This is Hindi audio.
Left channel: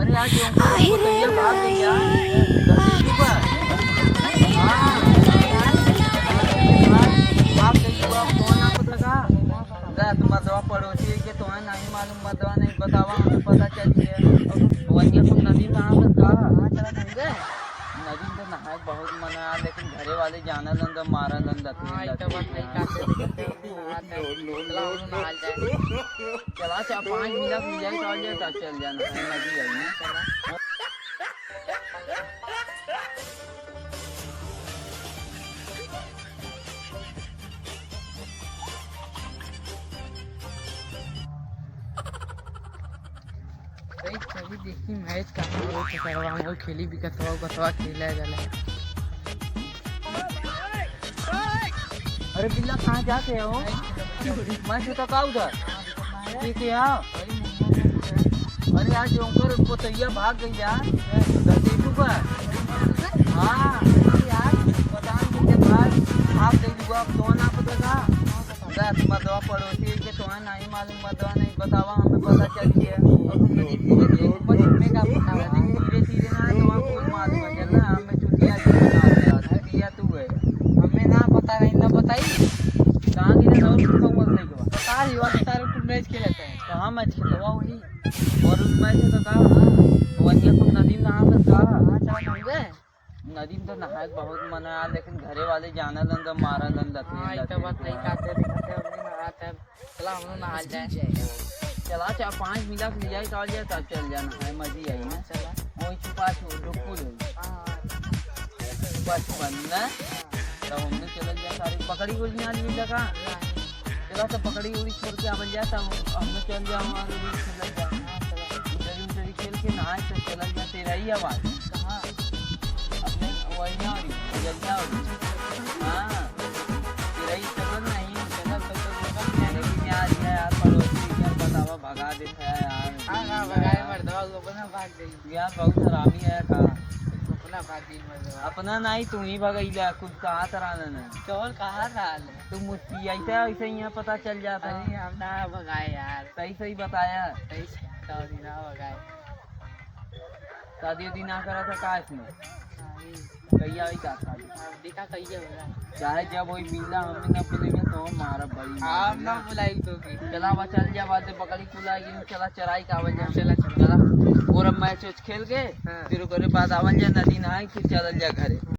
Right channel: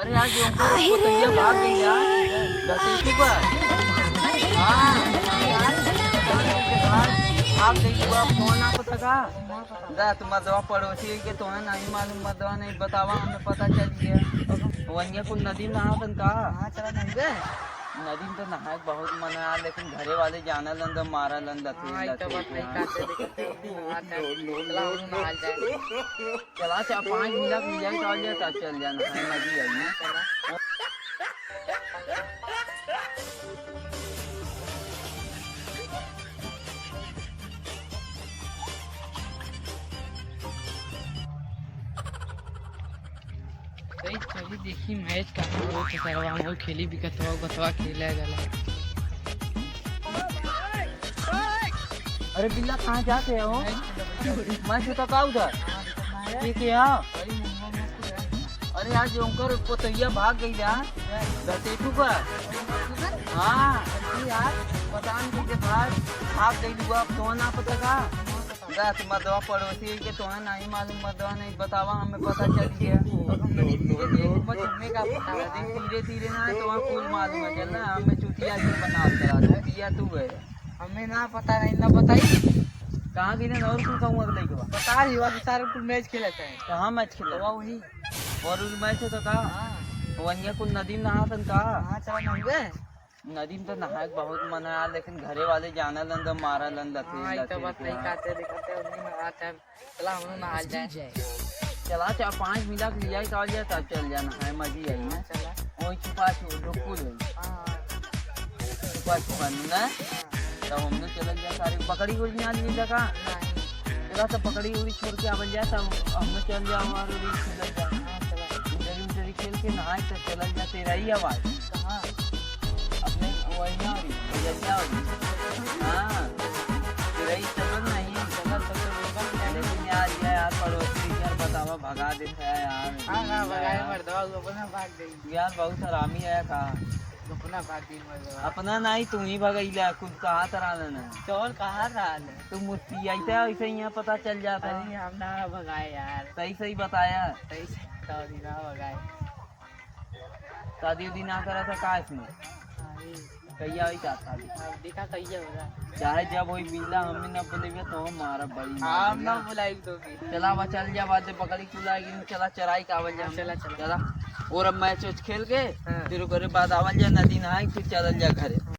अरे यार क्यों को तो ये भाग गई यार जल्दी चुका। हाँ यार भाग गई तू अब कौन आप लगा रात मदवा पड़ोसी के तो नहीं मालूम मदवा नहीं बतावा हमें पता चली है वन्य कुछ नदी में नहा का चला नहीं गए नदी में तो नहाए बहुत मना है लेकिन घरे वाले जाना लन मारा लन चला 5 मिनट मिल जाए तब चल जाना नदी आई कभी देखी मैच का हो करवा हो खेली भी कतवा कतवा खेला गला। अरे बिल्ला कहाँ जाते हो मैं तो का उधर ठीक है यार अरे यार जोकर पोतैया भाग गई यार देखू का। हाँ यार पता नहीं के भाग गई लुआ अब तो ना पता का रात मदवा पड़ोसी के तो नहीं मालूम मदवा नहीं बतावा हमें पता चली है धीरे धीरे ना तो कुल मालूम है चलना हमें चुटिया चुटिया तू है हमें ना पता नहीं ना बताई कहाँ की ना और कहूँगा नहीं के बता ही वाले सारे कुल मैच खेले थे कहाँ मैच खेला हुआ वही और उस मैच तो कहा वन्य कुछ नदी में नहा सकता चला नहीं गए नदी में तो नहाए बहुत मना है लेकिन घरे वाले जाना लन मारा लन चला 5 मिनट ले जाए तब चल जाना है मजी आई ना चला वही छुपा छुपा ना तब हमने चल जाए सारी पकड़ी उड़ी आज मिल लगा चला सब पकड़ी उड़ी छोड़ के आवल जाए तब हमने चल जाओ खेल खेल के नहाए तब चल जाए तेरा ही आवाज कहाँ अपने वही ना हाँ तेरा ही चल नहीं चल तो लेकिन यार पड़ोसी यार बतावा भगा देता है यार। हाँ भगाए मर्दवा अपना भाग गई यार बहुत हरामी है का अपना भाग गई मर्दवा अपना नहीं तुम ही भगैला खुद कहाँ तरह न चौल कहाँ रहा तुम मुझसे ऐसे ही पता चल जाता है हम ना भगाए यार सही बताया सही शादी ना भगाए शादी ना करा था का इसमें कैया वही शादी देखा कैया हो रहा चाहे जब वही मिला हमें ना बोलेंगे तो हम मारा बड़ी हम ना बुलाई तो चला वहाँ चल जा बात पकड़ी कुलाएगी चला चराई का आवल जा चला और अब मैच खेल के फिर ओकरे बाद आवल जा नदी नहाए फिर चल जा घरे।